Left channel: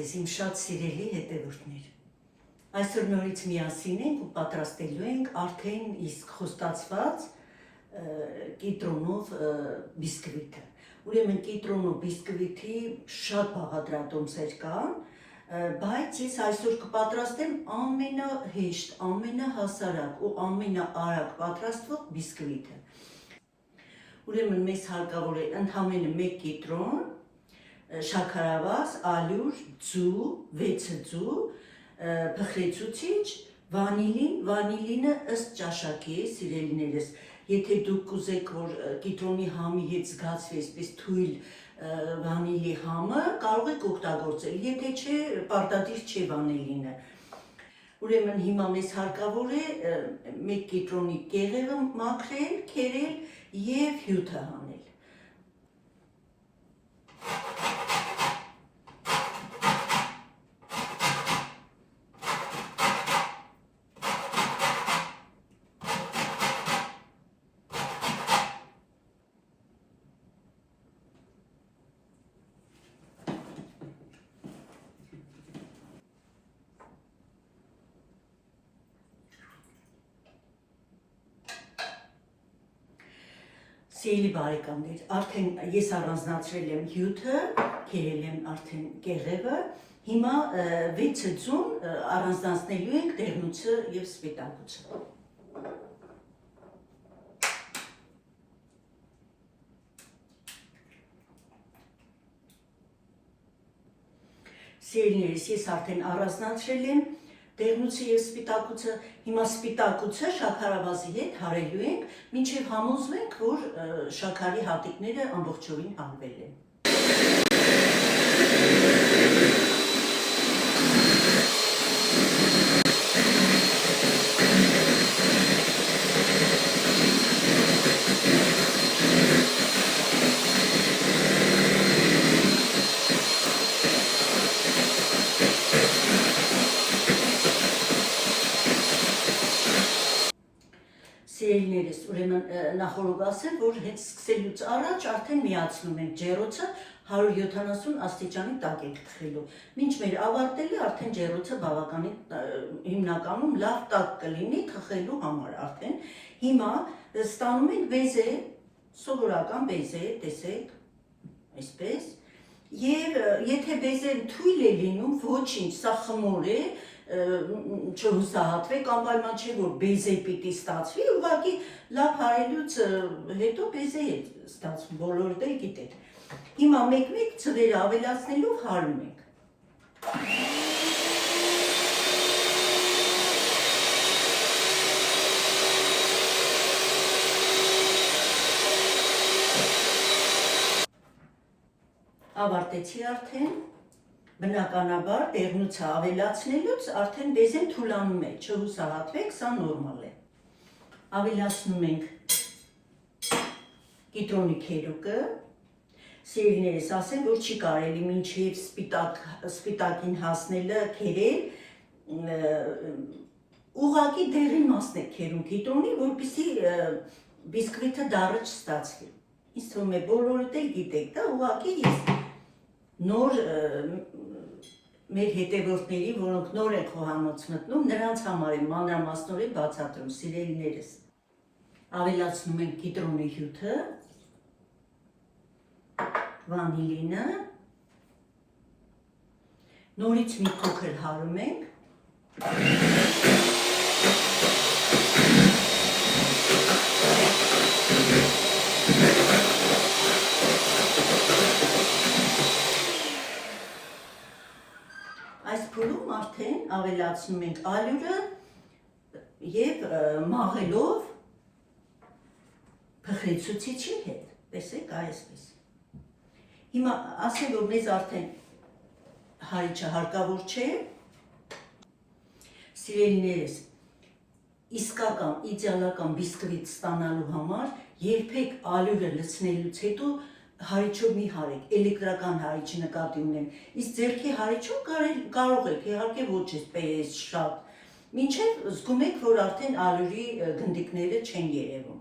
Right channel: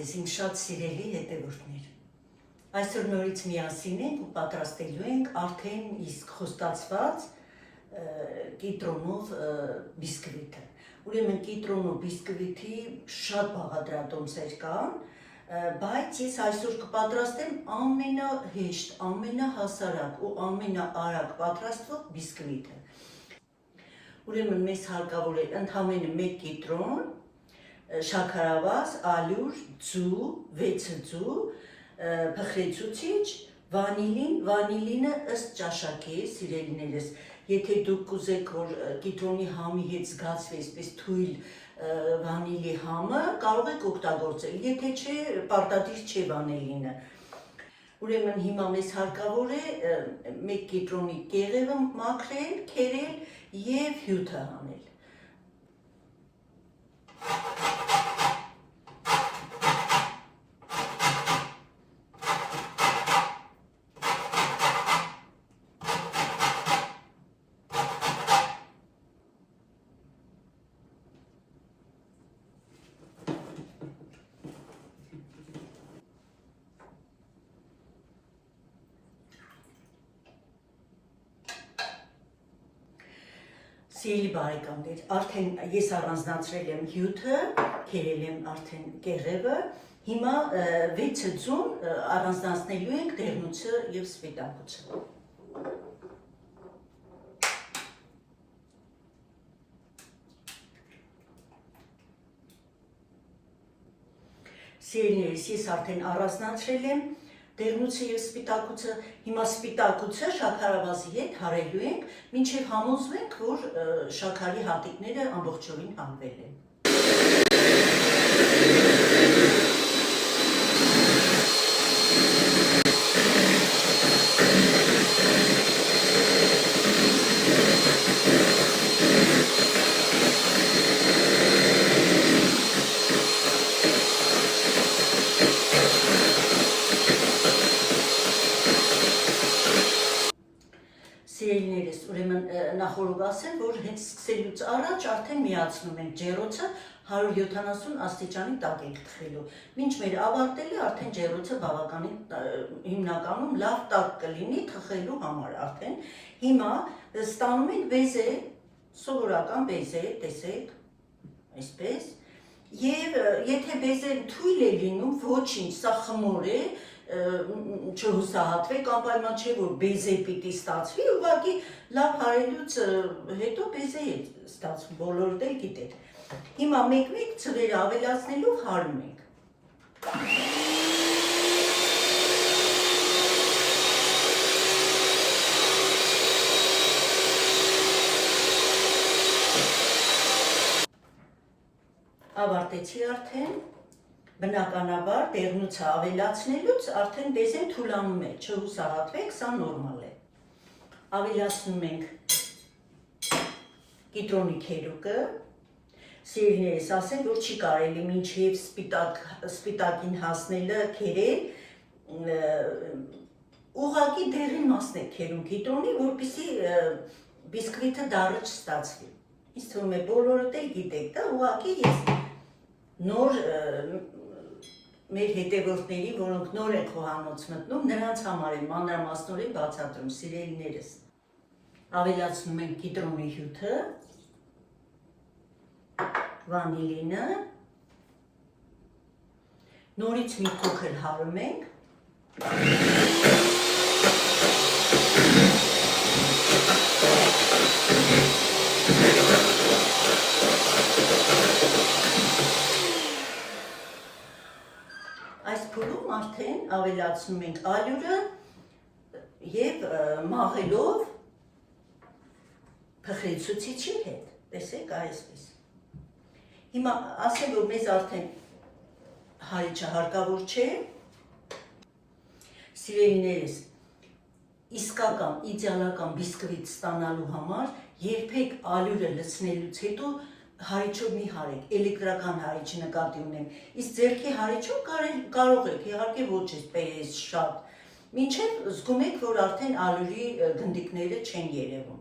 ձեզ իմ շատ սիրելի հետևորդներ։ Այսօր նորից միասին ենք ու պատրաստելու ենք արդեն իսկ խոստացված կիտրոնով բիսկվիթը։ Ուրեմն կիտրոնով բիսկվիթի շատ բաղադրատոմսեր կան, բայց ես այսօր կպատրաստեմ ամենահեշտ, ամենահասարակ ու ամենաարագ պատրաստվող բիսկվիթը։ Ուրեմն մեզ հարկավոր է ընդամենը 1 կիտրոն, շաքարավազ, ալյուր, ձու, 6 ձու, փխրեցուցիչ, վանիլինը ըստ ճաշակի է, սիրելիներս, եթե դուք կուզեք, որ կիտրոնի համի հետ զգացվի այսպես թույլ վանիլի համը, կարող եք օգտագործել, եթե չէ, պարտադիր չէ վանիլինը։ Ուրեմն հիմա մեզ հարկավոր է 1 կիտրոնի կեղևը մաքրել, քերել և հյութը հանել։ Սիրելի բարեկամներ, արդեն ես առանձնացրել եմ հյութը, քերել եմ արդեն կեղևը, հիմա 6 ձուն առանձնացնելու ենք դեղնուցը և սպիտակուցը։ Սիրելիներս, ես արդեն առանձնացրել եմ դեղնուցը և սպիտակուցը, հիմա սպիտակուցը շաքարավազի հետ հարելու ենք, մինչև համոզվենք, որ շաքարի հատիկները ամբողջովին հանվել են։ Սիրելիներս, ուրեմն նախորդ ասեմ, որ հետ սկսելուց առաջ արդեն միացնում ենք ջեռոցը 170 աստիճանի տակ ենք թխելու։ Մինչ մեր ավարտելը արդեն ջեռոցը բավականին հիմնականում լավ տաք կլինի թխելու համար արդեն։ Հիմա ստանում ենք բեզե, սովորական բեզե, տեսեք, այսպես, և եթե բեզեն թույլ է լինում, ոչինչ, սա խմոր է, չհուսահատվեք, անպայման չէ, որ բեզե պիտի ստացվի, ուղղակի լավ հարելուց հետո բեզե է ստացվում, բոլորդ էլ գիտեք։ Հիմա մեկ-մեկ ձվերը ավելացնելով հարում ենք։ Ավարտեցի արդեն, բնականաբար դեղնուցը ավելացնելուց արդեն բեզեն թուլանում է, չհուսահատվեք, սա նորմալ է։ Ավելացնում ենք կիտրոնի քերուկը, սիրելիներս, ասեմ, որ չի կարելի մինչև սպիտակին հասնելը քերել, ուղղակի դեղին մասն է քերում կիտրոնի, որպեսզի բիսկվիթը դառը չստացվի։ Ինձ թվում է բոլորդ էլ գիտեք, դա ուղղակի ես նոր մեր հետևորդների, որոնք նոր են խոհանոց մտնում, նրանց համար եմ մանրամասնորեն բացատրում, սիրելիներս։ Ավելացնում ենք կիտրոնի հյութը, վանիլինը, նորից մի փոքր հարում ենք, այս փուլում արդեն ավելացնում ենք ալյուրը և մաղելով փխրեցուցիչի հետ, տեսեք այսպես։ Հիմա ասեմ, որ մեզ արդեն հարիչը հարկավոր չէ, սիրելիներս, իսկական, իդեալական բիսկվիթ ստանալու համար երբեք ալյուրը լցնելուց հետո հարիչով մի հարեք, էլեկտրական հարիչ նկատի ունեմ, իսկ ձեռքի հարիչով կարող եք, իհարկե ոչ էսպես շատ, մինչև զգում եք, որ արդեն ալյուրի գնդիկները չեն երևում։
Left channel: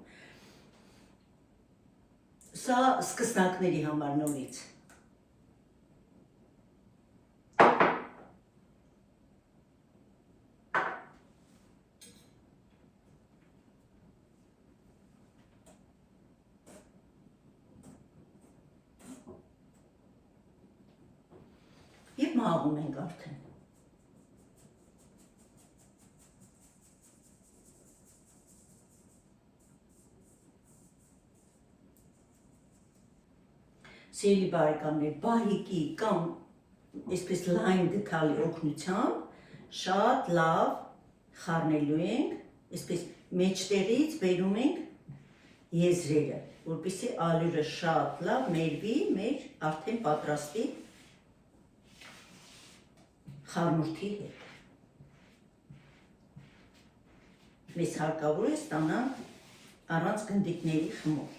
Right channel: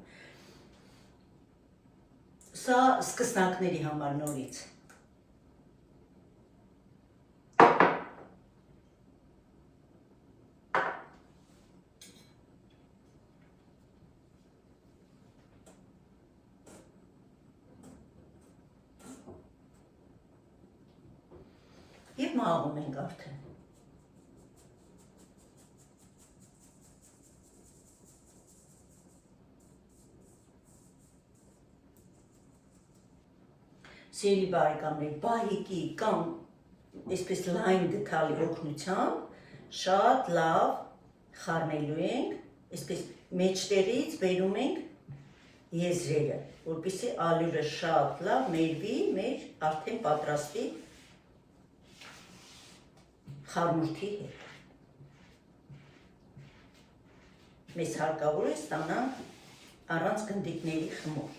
Սա սկսնակների համար նորից։ Եվ մաղում ենք արդեն։ Սիրելի բարեկամներ, բահիկի կամ այսպես լայն գթալի օգնությամբ շատ լավ խառնելու ենք, այսպես մեջտեղից բերում ենք եզրերը, որպեսզի ալյուրը շատ լավ մերվի մեր արդեն պատրաստի խառնուրդի հետ։ Մեզ հարկավոր է ստանալ առանց գնդիկների խմոր։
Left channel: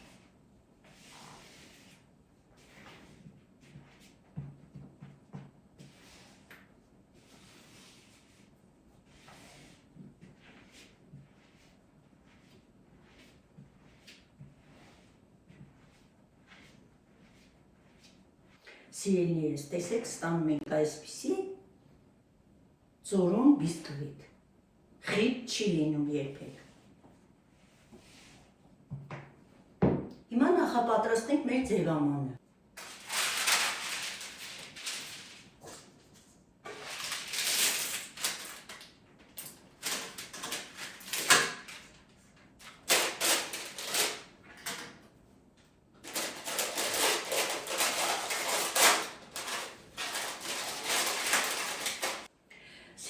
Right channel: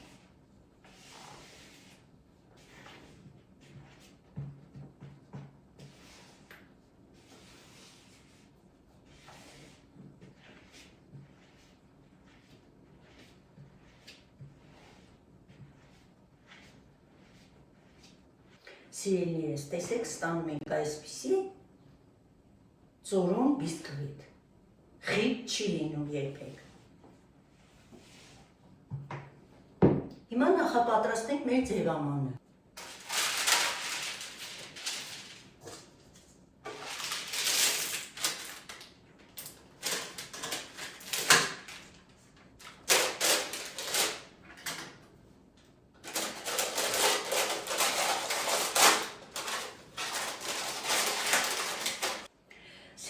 Սիրելիներս, տեսեք, ստանում ենք այսպիսի ծորուն բիսկվիտ, խիտ չի լինում երբեք։ Հիմա նախապատրաստենք մեր ձևամանը։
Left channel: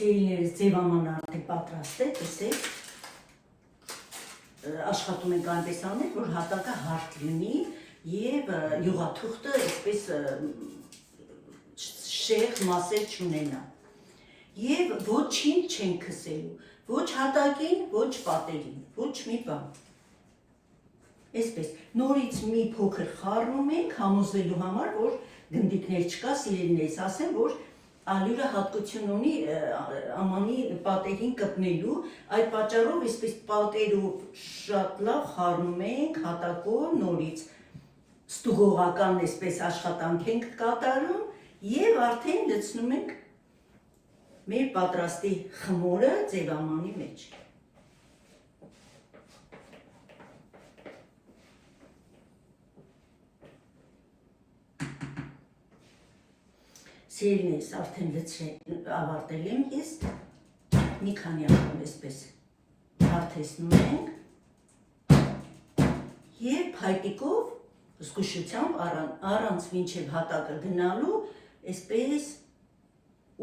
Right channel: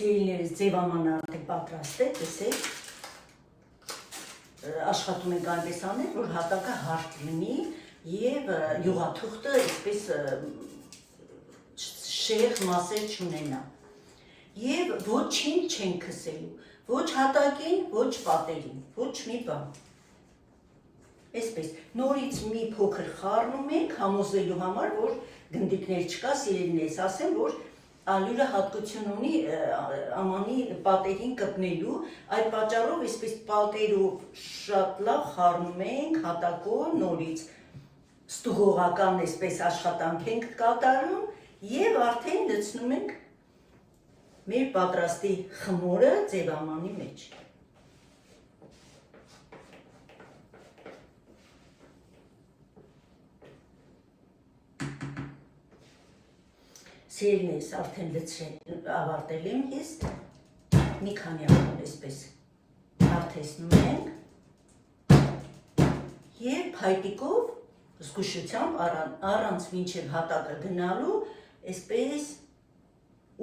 Սիրելիներս, ձևամանը արդեն պատրաստ է, տեսեք, աշխատում ենք այնպես անել, որ հատակը հարթ լինի և յուղաթուղթը այսպես շեղ մասեր չունենա։ Եվ ոչինչ չենք քսելու, ոչ հատակին, ոչ պատերին, ոչ մի բան։ Այսպես, նորից մի փոքր խառնում ենք, համոզելու համար, որ գնդիկներ չկա, սիրելիներս, ասեմ, որ ալյուրը հատկություն ունի ամանի պատերին կպնելու, այդ պատճառով այսպես պատերով շատ լավ խառնում ենք հատակով նորից ստուգողական այսպես աշխատանք ենք կատարում և արդեն լցնում ենք մեր պատրաստի խմորը ձևամանի մեջ։ Սիրելիներս, արդեն ավարտել եմ ես, մի քանի անգամ այսպես հարթեցնում ենք և փայտիկով զգուշությամբ առանց մինչև հատակը գնալու այսպես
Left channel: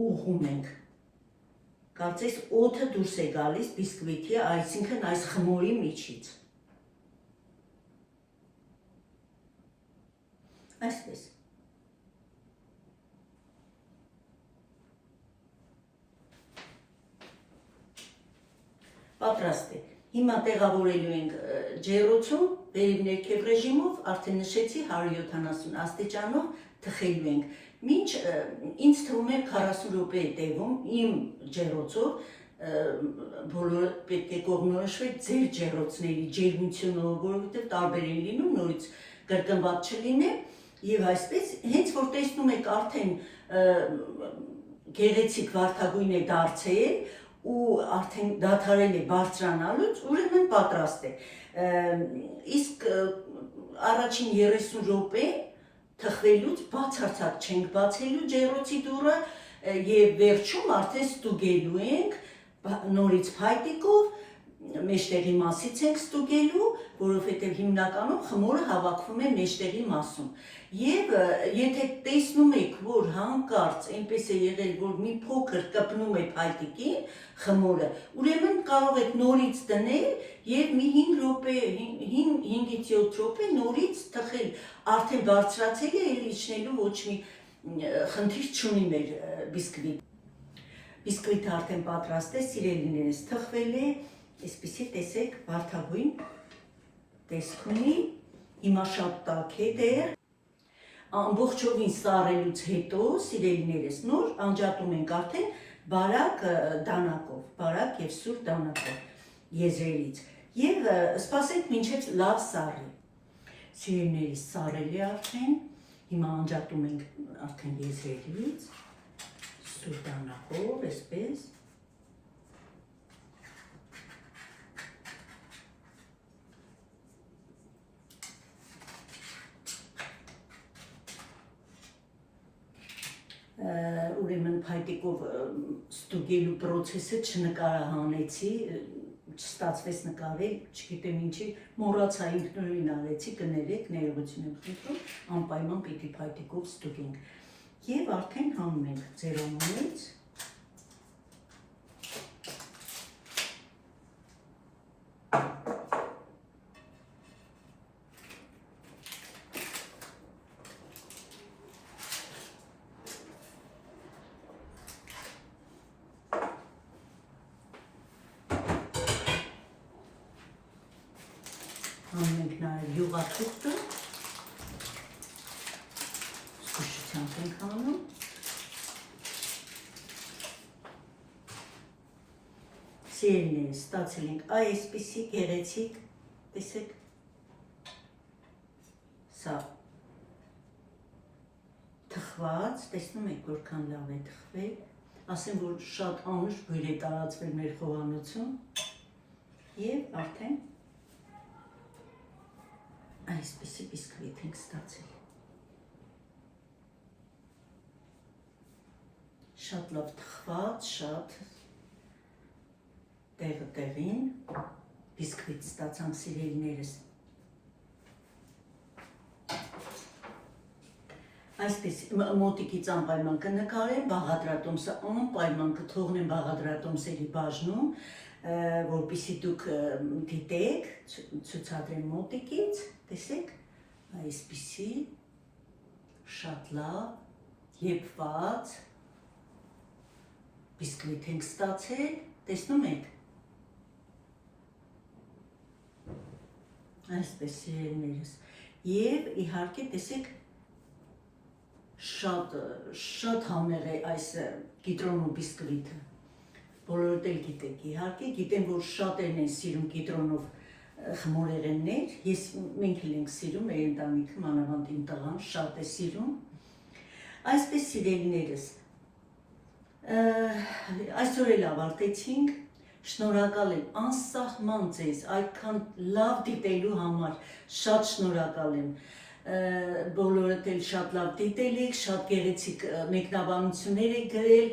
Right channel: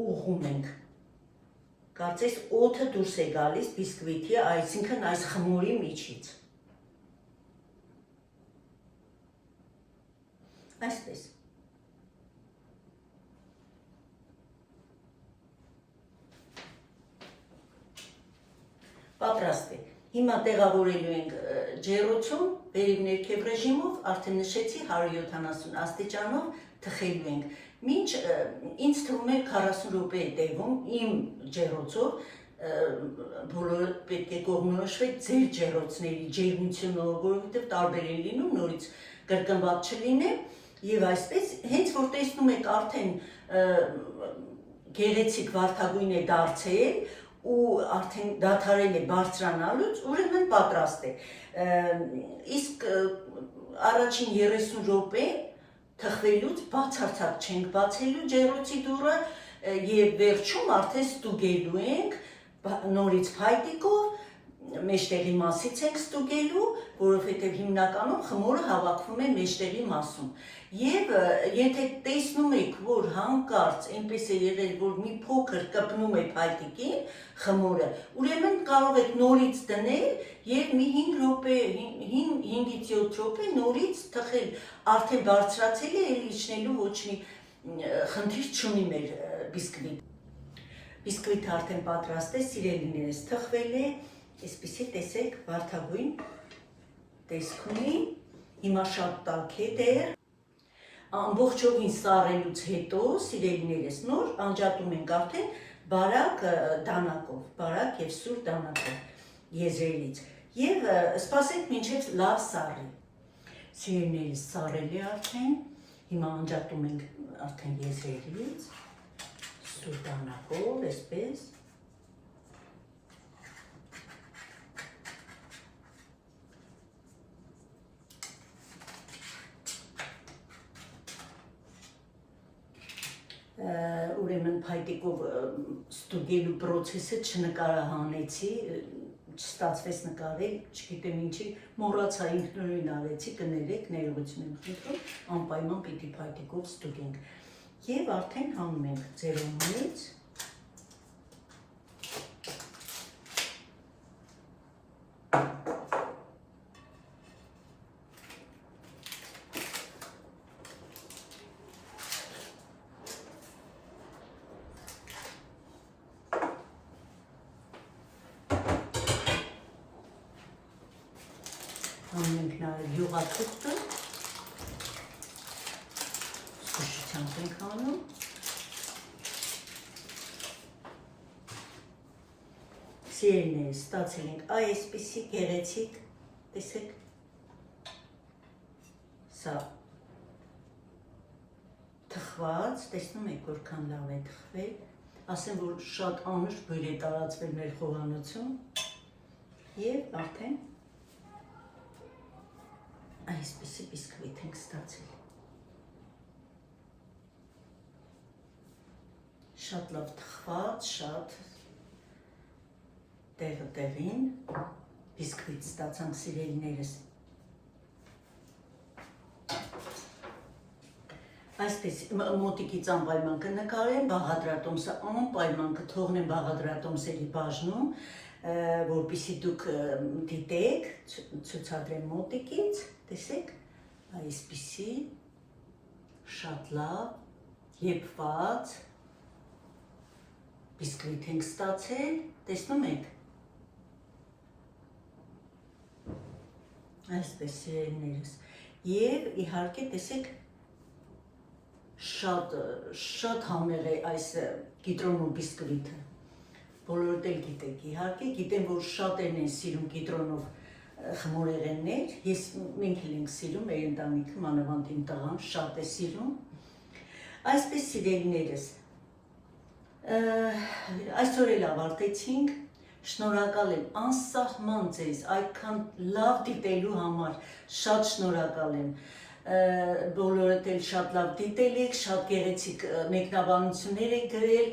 ուղղում ենք։ Կարծես օդը դուրս է գալիս բիսկվիթի, այսինքն այս խմորի միջից։ Այսպես։ Պատրաստ է։ Հիմա տեղավորելու ենք ջեռոցում, վերև ներքև ռեժիմով, արդեն նշեցի 170 աստիճանով թխելու ենք։ Մինչ ինձ թվում է 40 րոպե է տևում իմ ջեռոցով, բոլորը պետք է կողմնորոշվեք ձեր ջեռոցների ջերմությունով, որովհետև տարբեր են լինում, նորից կրկնված չլինե, եւ այսպես հենց որ տեսնում եք արդեն գեղեցիկ վարդագույն է դարձել ու արդեն դադարել է բարձրանալուց, ուրեմն պատրաստ է։ Իսկ առաջին 30 րոպե թխվելուց բացարձակ չենք բացելու ջեռոցի դուռը եւ վերջում արդեն ստուգելու ենք նորից փայտիկով, մեջտեղի մասից ենք ստուգելու, որովհետև հիմնականում խմորը հավաքվում է մեջտեղի մասում։ Եվ եթե տեսնում եք, որ հանկարծ այնպես է եղել, որ մի փոքր կպնում է փայտիկին խմորը, ուրեմն կարող եք նորից դնել եւ մի 5 րոպե, 5-ից 7 րոպե նորից թխել, արդեն բարձրացել է, ելի իջնելու ոչ մի խնդիր չունի մեր բիսկվիտ։ Բիսկվիթը արդեն պատրաստ է, սիրելիներս, թխվել է, այսպիսի տեսեք վարդագույն տեսք ունի, հիմա շատ տաք է դեռ, ամբողջովին սառելուց հետո, սիրելիներս, նոր անջատում ենք արդեն բարակ դանակով, բարակ և սուր դանակով եզրերից և սպասենք մինչև լավ սառի։ Սիրելիներս, սառել է արդեն, հիմա անջատում ենք արդեն եզրերից, սուր դանակով, այսպես։ փայտիկով ստուգելու process-ը չնկարահանեցի, չստացվեց նկարել, չգիտեմ ինչի, մոռացա ինքնուրույն արեցի, կներեք, ներողություն եմ խնդրում, անպայման պիտի փայտիկով ստուգենք։ Եվ արդեն հանում ենք ձեր օմանից։ Հանում ենք նաև յուղաթուղթը, զգուշությամբ ենք հանում, սիրելիներս, ստացել ենք այսպիսի գեղեցիկ, տեսեք, սա թխված, տեսնում եք որքան լավ է թխվել, ասեմ, որ շատ անուշ բույր է տարածվել մեր խոհանոցում և արդեն այսպիսի բիսկվիթ ենք ստացել։ Շատ լավ թխված, շատ տեղը տեղին բիսկվիթ ստացանք սիրելիներս։ Այսպես մոտիկից անպայման կնկարեմ, բաղադրատոմսը անպայման կթողնեմ բաղադրատոմսերի բաժնում, որպեսզի դուք դիտեք, ցուցադրեմ մոտիկից, տեսեք, այսպիսի շատ լավ եփված բիսկվիթ ենք ստացել, տեսնում եք։ Այսպես սիրելիներս, եւ իհարկե տեսեք շատ համեղ է այս կիտրոնու բիսկվիթը։ Բոլորդ էլ գիտեք, իհարկե, գիտեմ, որ շատերն են սիրում կիտրոնով խմորեղեններ, մենք էլ ենք սիրում, մեր ընտանիքը, մանավանդ իմ տղան շատ է սիրում։ Այսպես սիրելիներս, այսօր էլ ավարտեցինք, շնորհակալ եմ անսահման ձեզ, այդքան լավ դիտելու համար, շատ շնորհակալ եմ։ Բոլորդ էլ շատ լավ դիտել եք, շատ գեղեցիկ մեկնաբանություններ եք գրել,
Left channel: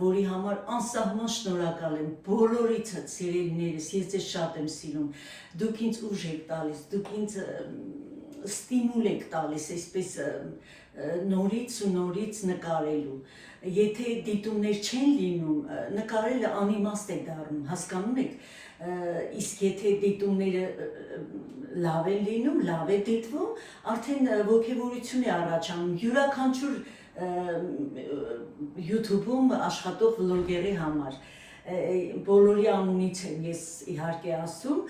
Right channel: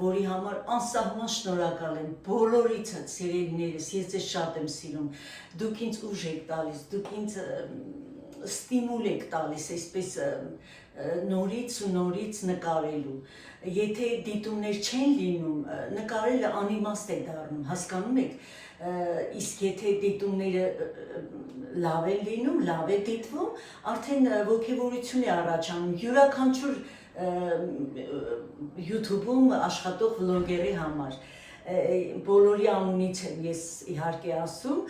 որի համար անսահման շնորհակալ եմ, բոլորիցդ սիրելիներս, ես ձեզ շատ եմ սիրում, դուք ինձ ուժ եք տալիս, դուք ինձ ստիմուլ եք տալիս, այսպես նորից ու նորից նկարելու, եթե դիտումներ չեն լինում, նկարելը անիմաստ է դառնում, հասկանում եք, իսկ եթե դիտումները լավ են լինում, լավ է դիտվում, արդեն ոգևորություն է առաջանում, յուրաքանչյուր YouTube-ում աշխատող վլոգերի համար, բոլորի անունից եմ ես իհարկե ասում,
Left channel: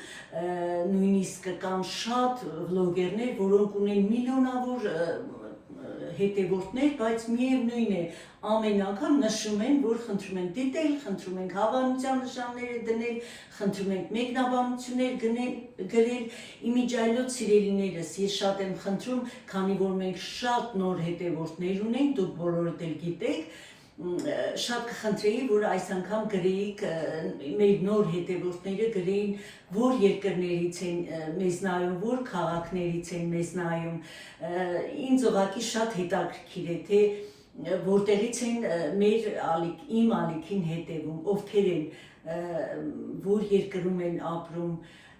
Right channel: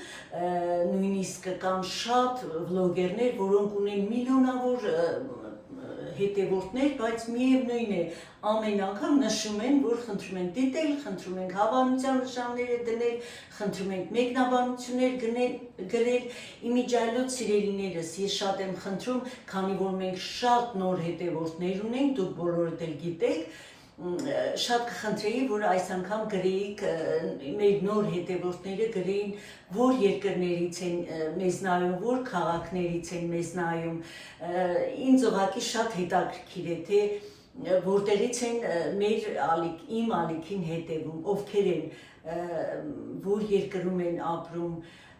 նույնիսկ կան շատ վլոգերներ, որոնք ունեն միլիոնավոր հետևորդներ, բայց միևնույն է, ամեն անգամ նշում են, որ խնդրում են դիտել, խնդրում ենք հավանության նշանները դնել, խնդրում ենք մեկնաբանություններ գրել, իմիջայլոց սիրելիներս, ես շատ եմ խնդրում, քանի որ մենք շատ նոր հետևորդներ ունենք, դուք բոլորդ էլ գիտեք, շատ կխնդրեի, որ այս անգամ գրեիք, մեր նոր հետևորդները գրեին, որ երկրներից են մեզ նայում, որ քաղաքներից են մեզ նայում, ինձ ուղղակի շատ հետաքրքիր է, թե որտեղից են իմ ալիքին հետևում, ովքեր են, որ երկրում են ապրում,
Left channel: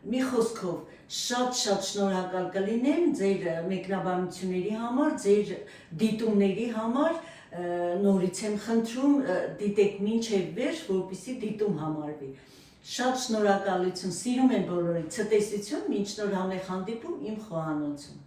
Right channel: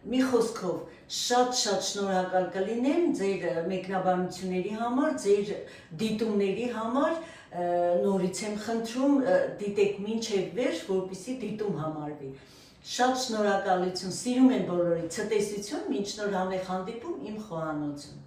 մի խոսքով, շատ շնորհակալ կլինեմ ձեր մեկնաբանությունների համար, ձեր դիտումների համար, նորից եմ խնդրում, դիտեք մինչև վերջ, որպեսզի դիտում համարվի։ Շատ շնորհակալություն, սիրում եմ բոլորիդ, ցտեսություն, մինչ նոր համեղ հանդիպում իմ խոհանոցում։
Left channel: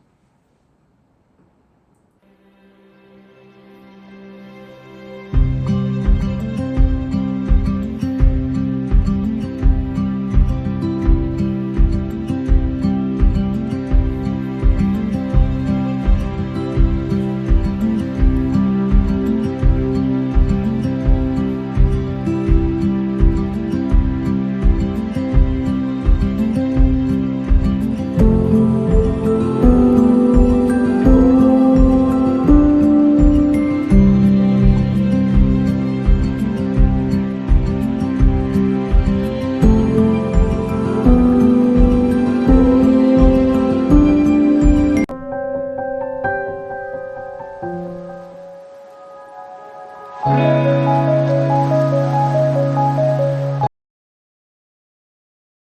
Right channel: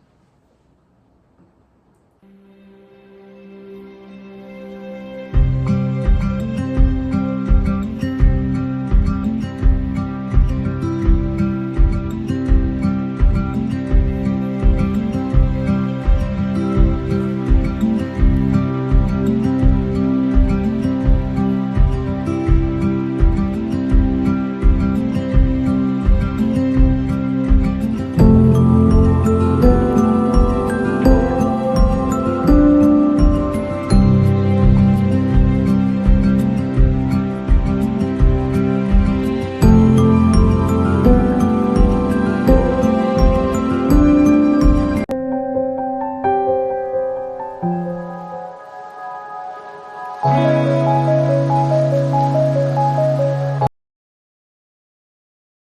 Bye.